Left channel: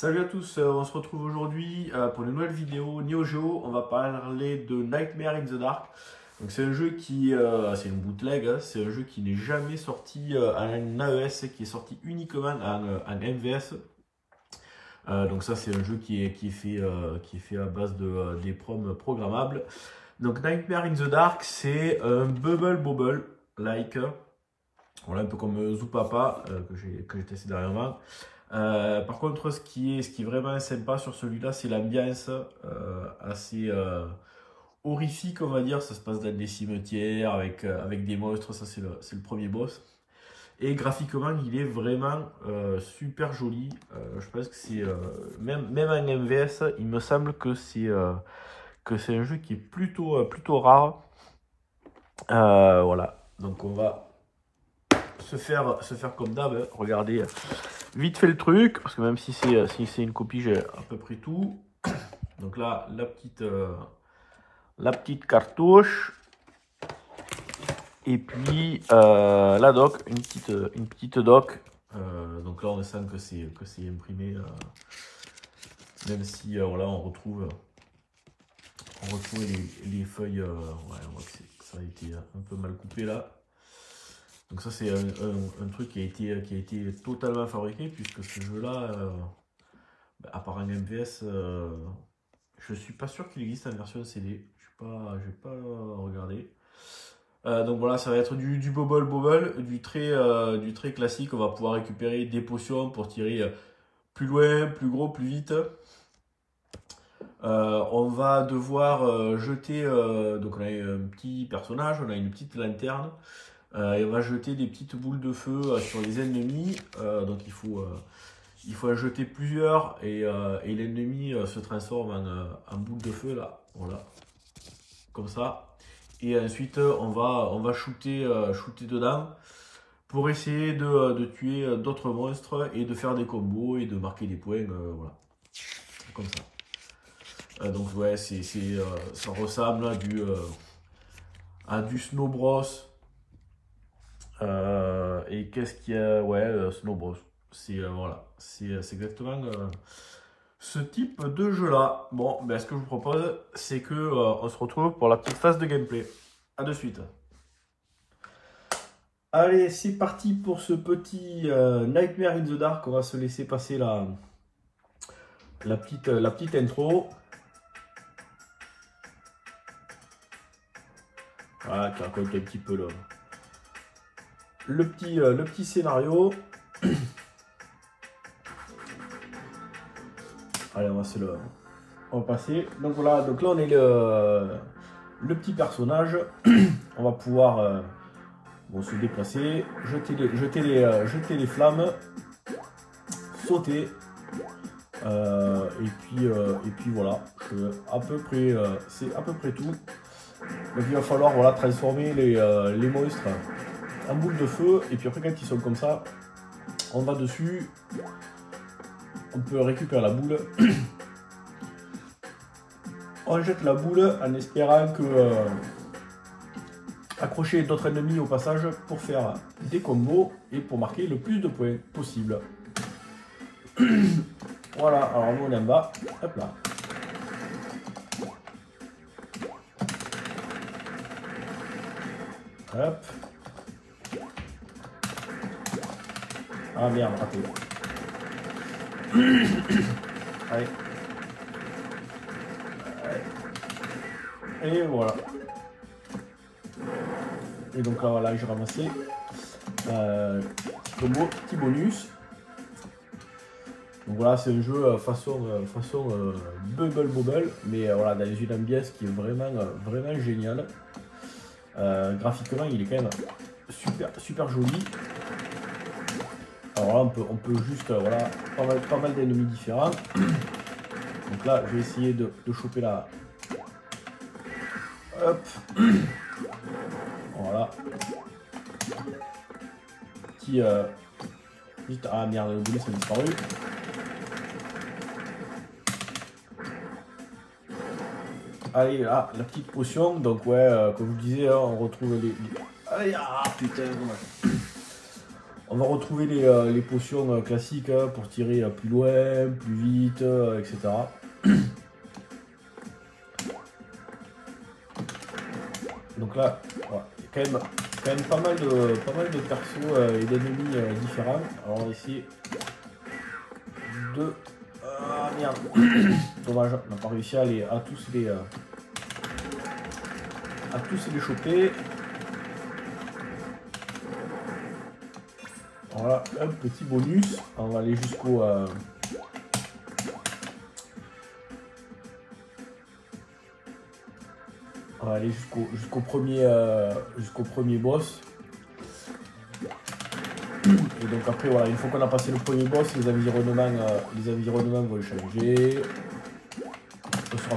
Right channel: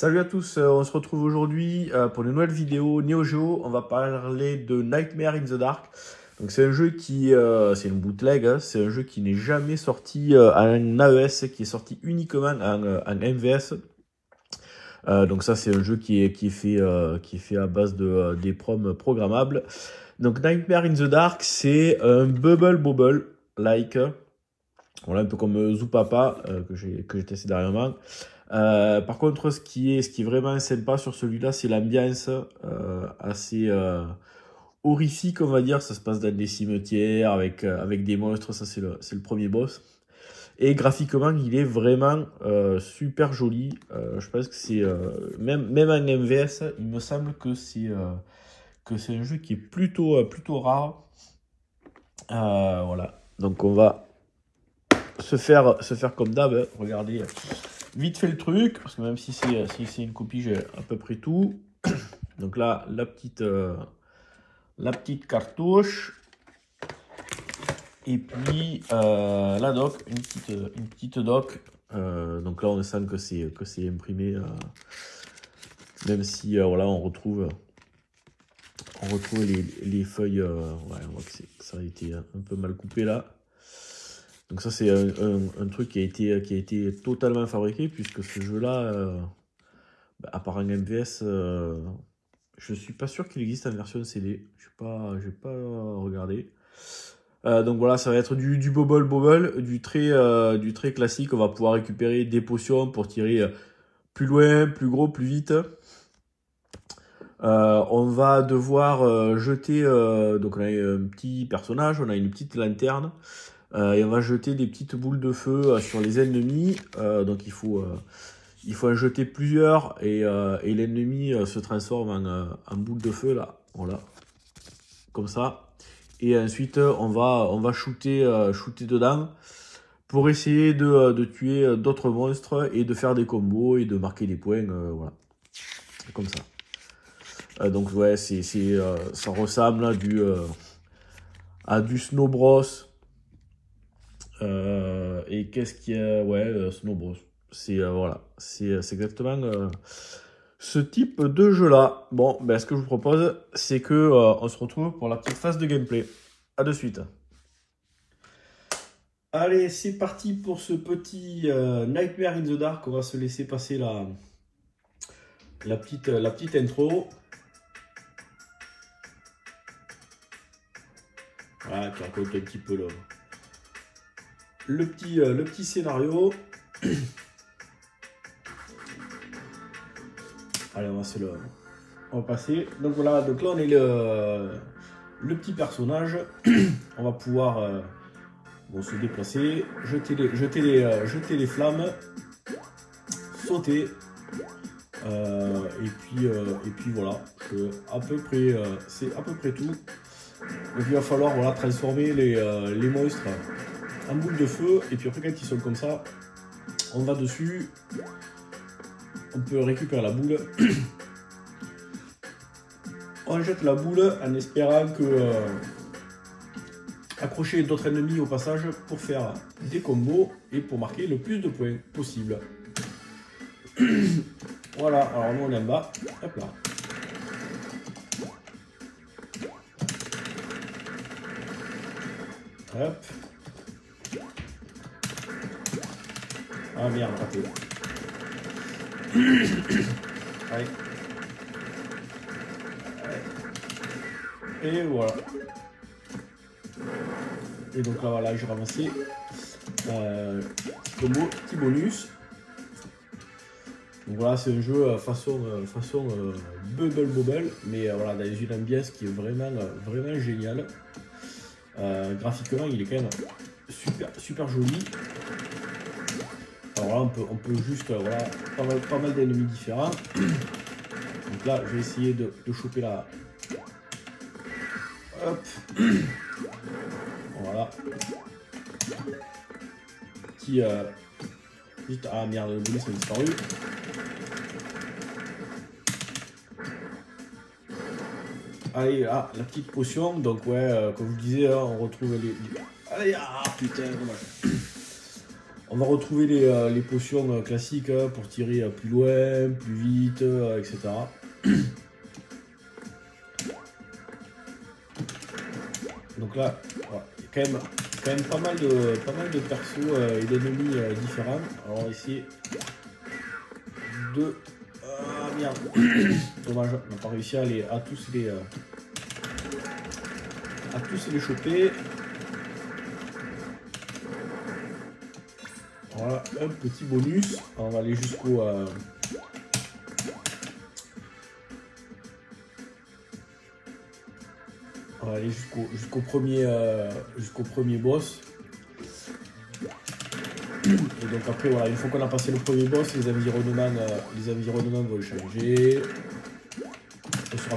Salut à tous, on se retrouve aujourd'hui pour une nouvelle vidéo Neo Geo. On va parler de Nightmare in the Dark. Donc c'est un jeu qui, c'est une bootleg, hein. C'est un jeu qui n'est jamais sorti en AES, qui est sorti uniquement en MVS. Donc ça c'est un jeu qui est fait à base des proms programmables. Donc Nightmare in the Dark, c'est un bubble like, voilà, un peu comme Zoopapa que j'ai testé dernièrement. Par contre, ce qui est vraiment sympa sur celui-là, c'est l'ambiance assez horrifique, on va dire. Ça se passe dans des cimetières avec des monstres, ça c'est le premier boss. Et graphiquement, il est vraiment super joli. Je pense que c'est même en MVS, il me semble que c'est un jeu qui est plutôt rare. Voilà, donc on va se faire comme d'hab, hein. Regardez vite fait le truc, parce que même si c'est une copie, j'ai à peu près tout. Donc là, la petite cartouche. Et puis la doc, une petite doc. Donc là, on sent que c'est imprimé, même si voilà, on retrouve les feuilles. Ouais, on voit que ça a été un peu mal coupé là. Donc ça c'est un truc qui a été totalement fabriqué, puisque ce jeu-là, à part un MVS, je suis pas sûr qu'il existe en version CD. J'ai pas regardé. Donc voilà, ça va être du bubble, du très classique. On va pouvoir récupérer des potions pour tirer plus loin, plus gros, plus vite. On va devoir jeter, donc on a un petit personnage, on a une petite lanterne. Et on va jeter des petites boules de feu sur les ennemis. Donc il faut en jeter plusieurs et l'ennemi se transforme en boule de feu là, voilà, comme ça. Et ensuite on va shooter dedans pour essayer de tuer d'autres monstres et de faire des combos et de marquer des points, voilà, comme ça. Donc ouais, ça ressemble à du Snow Bros. Et qu'est-ce qu'il y a? Ouais, Snow Bros. Voilà, c'est exactement ce type de jeu là. Bon, ben, ce que je vous propose, c'est que on se retrouve pour la petite phase de gameplay. A de suite. Allez, c'est parti pour ce petit Nightmare in the Dark. On va se laisser passer la petite intro. Voilà, qui raconte un petit peu le petit scénario. Allez, on va passer. Donc voilà, donc là on est le petit personnage. On va pouvoir se déplacer, jeter les flammes, sauter. Et puis voilà, c'est à peu près tout. Donc il va falloir, voilà, transformer les monstres en boule de feu. Et puis après, quand ils sont comme ça, on va dessus. On peut récupérer la boule. On jette la boule en espérant que accrocher d'autres ennemis au passage pour faire des combos et pour marquer le plus de points possible. Voilà, alors nous on est en bas. Hop là. Hop. Ah merde, raté. Allez. Et voilà. Et donc là, voilà, j'ai ramassé combo, petit bonus. Donc voilà, c'est un jeu façon bubble, mais voilà, dans une ambiance qui est vraiment géniale. Graphiquement, il est quand même super joli. Alors là, on peut juste, voilà, pas mal d'ennemis différents. Donc là, je vais essayer de choper la... Hop. Voilà. Petit... Ah merde, le bonus a disparu. Allez, là, la petite potion. Donc ouais, comme je vous disais, on retrouve les... Allez, ah putain, dommage. On va retrouver les potions classiques pour tirer plus loin, plus vite, etc. Donc là, voilà. Il y a quand même pas mal de persos et d'ennemis différents. Alors on va essayer de... Ah merde. Dommage, on n'a pas réussi à tous les choper. Voilà, un petit bonus. On va aller jusqu'au... On va aller jusqu'au premier boss. Et donc après, voilà, une fois qu'on a passé le premier boss, les environnements vont changer. On sera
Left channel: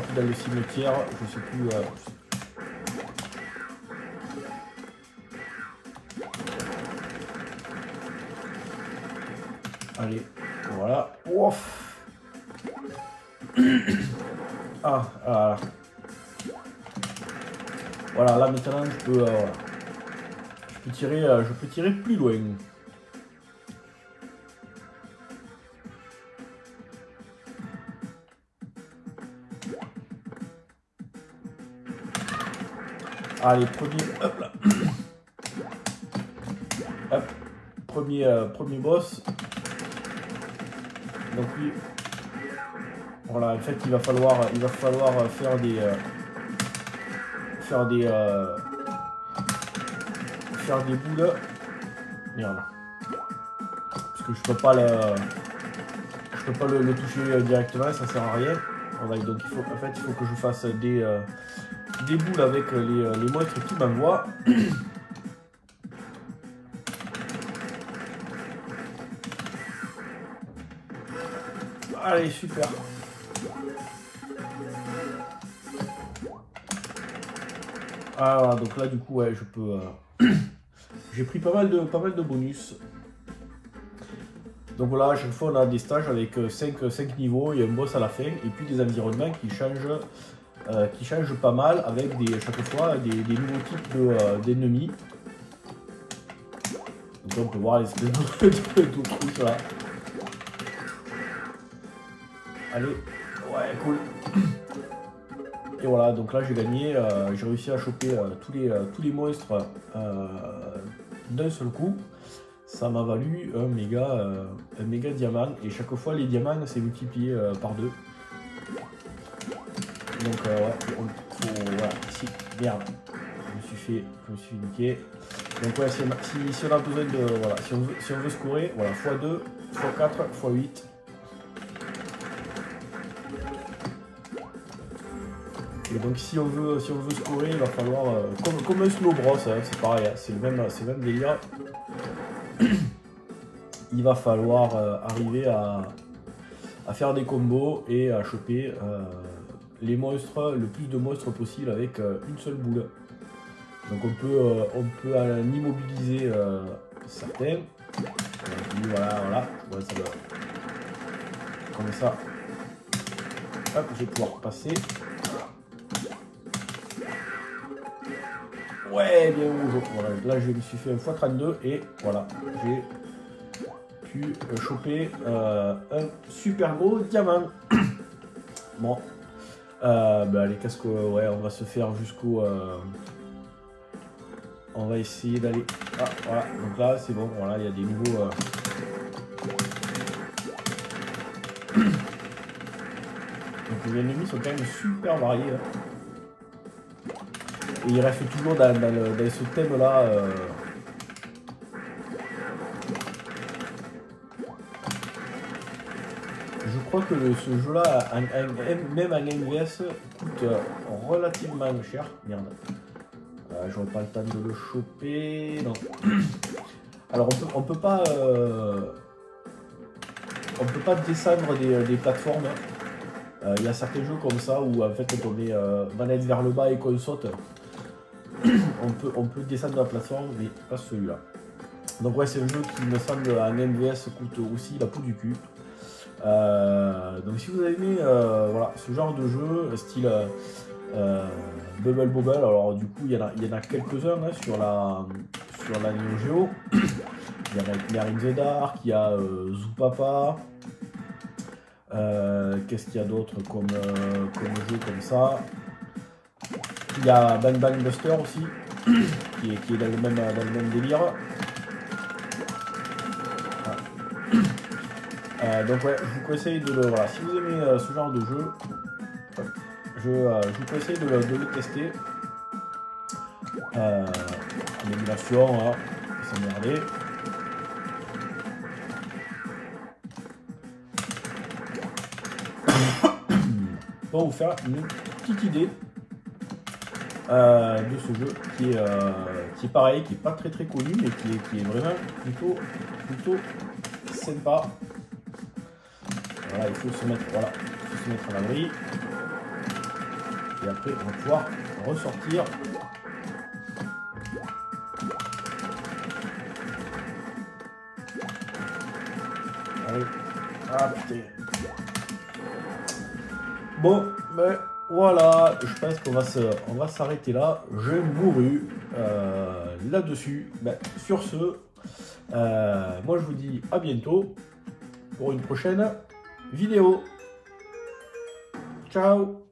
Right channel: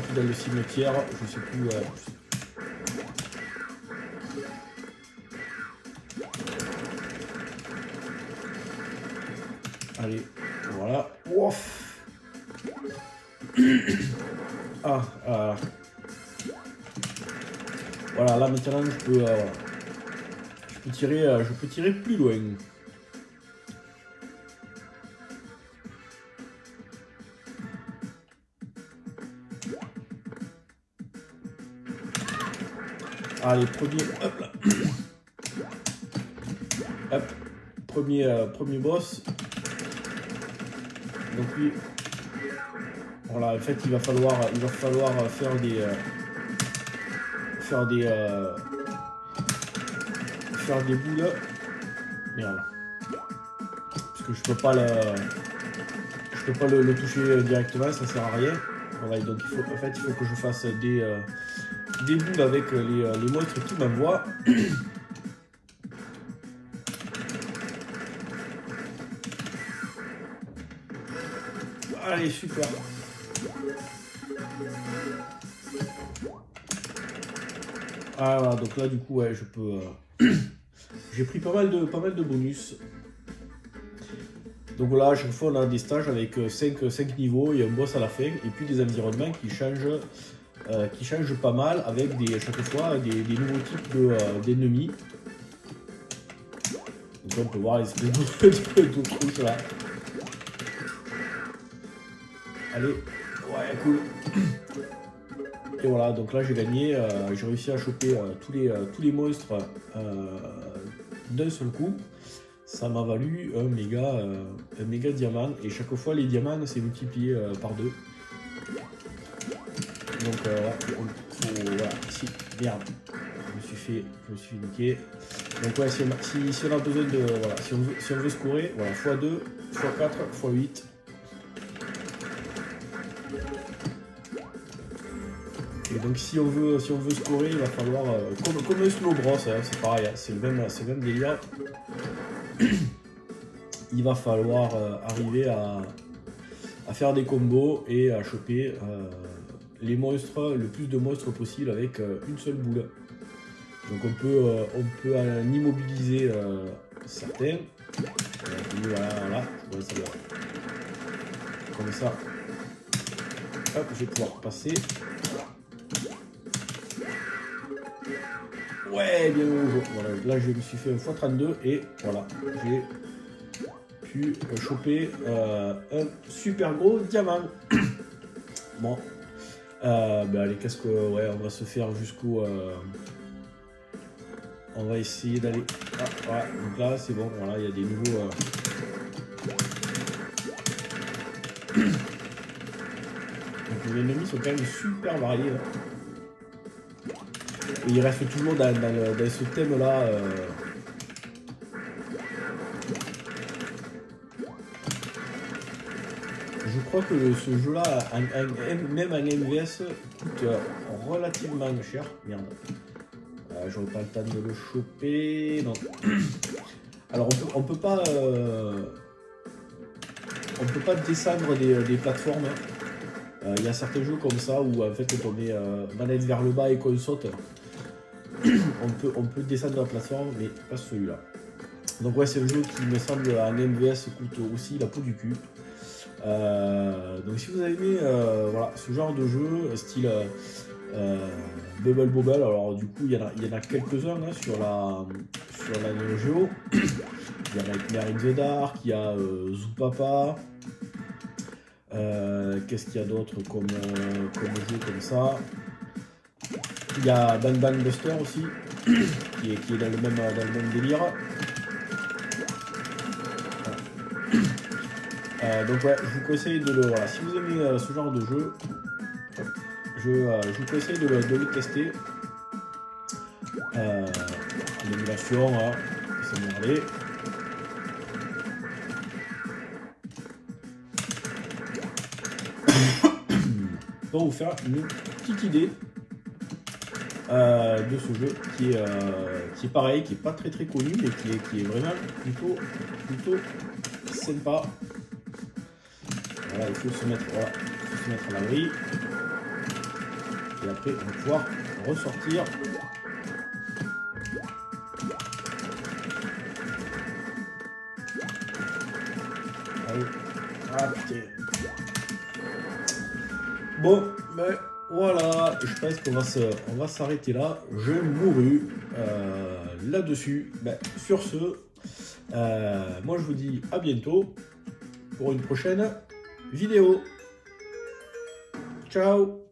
plus dans le cimetière, je sais plus... Allez, voilà. Ouf. Ah. Voilà, là maintenant je peux tirer plus loin. Allez, hop là. Hop, premier boss. Donc lui, voilà, en fait il va falloir faire des boules. Merde. Parce que je peux pas le toucher directement, ça sert à rien. Voilà, donc il faut que je fasse des boules avec les monstres qui m'envoient. Allez, super. Alors, donc là, du coup, ouais, je peux... J'ai pris pas mal de bonus. Donc voilà, à chaque fois, on a des stages avec 5 niveaux. Il y a un boss à la fin. Et puis des environnements qui changent pas mal avec chaque fois des nouveaux types d'ennemis. Donc on peut voir l'espèce de truc là. Allez, ouais, cool. Et voilà, donc là j'ai gagné, j'ai réussi à choper tous les monstres d'un seul coup. Ça m'a valu un méga diamant. Et chaque fois les diamants c'est multiplié par 2. Donc voilà, si, merde, je me suis niqué. Donc ouais, si on a besoin de, voilà, si on veut scorer, voilà, x2, x4, x8. Et donc si on veut scorer, il va falloir, comme un slow bros, hein, c'est pareil, hein, c'est le même délire. Il va falloir arriver à faire des combos et à choper les monstres, le plus de monstres possible avec une seule boule. Donc on peut en immobiliser certains. Voilà, comme ça. Hop, je vais pouvoir passer. Ouais, bien joué. Voilà, là je me suis fait un x32 et voilà, j'ai pu choper un super gros diamant. Bon, allez, qu'est-ce que, ouais, on va se faire jusqu'au, on va essayer d'aller. Ah, voilà, donc là c'est bon, voilà, il y a des nouveaux. Donc les ennemis sont quand même super variés. Là. Et il reste toujours dans ce thème-là. Je crois que ce jeu-là, même en MVS, coûte relativement cher. Merde. J'aurais pas le temps de le choper. Non. Alors on peut pas descendre des plateformes. Il y a certains jeux comme ça où en fait quand on met manette vers le bas et qu'on saute, on peut descendre la plateforme, mais pas celui-là. Donc ouais, c'est un jeu qui me semble en MVS coûte aussi la peau du cul. Donc si vous avez aimé voilà, ce genre de jeu style Bubble Bobble, alors du coup il y en a quelques-uns hein, sur la Neo Geo. Il y a Nightmare in the Dark, il y a Zoopapa. Qu'est-ce qu'il y a d'autre comme jeu comme ça? Il y a Ban Ban Buster aussi, qui est dans le même délire. Donc ouais, je vous conseille de le voir. Si vous aimez ce genre de jeu, je vous conseille de le tester. L'émulation, hein, ça m'aimerait. Pour vous faire une petite idée de ce jeu qui est pareil, qui est pas très connu, mais qui est vraiment plutôt sympa. Voilà, il faut se mettre à l'abri. Et après, on va pouvoir ressortir. Allez, ah, putain. Bon, ben voilà, je pense qu'on va s'arrêter là. Je mourus là-dessus. Ben, sur ce, moi je vous dis à bientôt pour une prochaine vidéo. Ciao!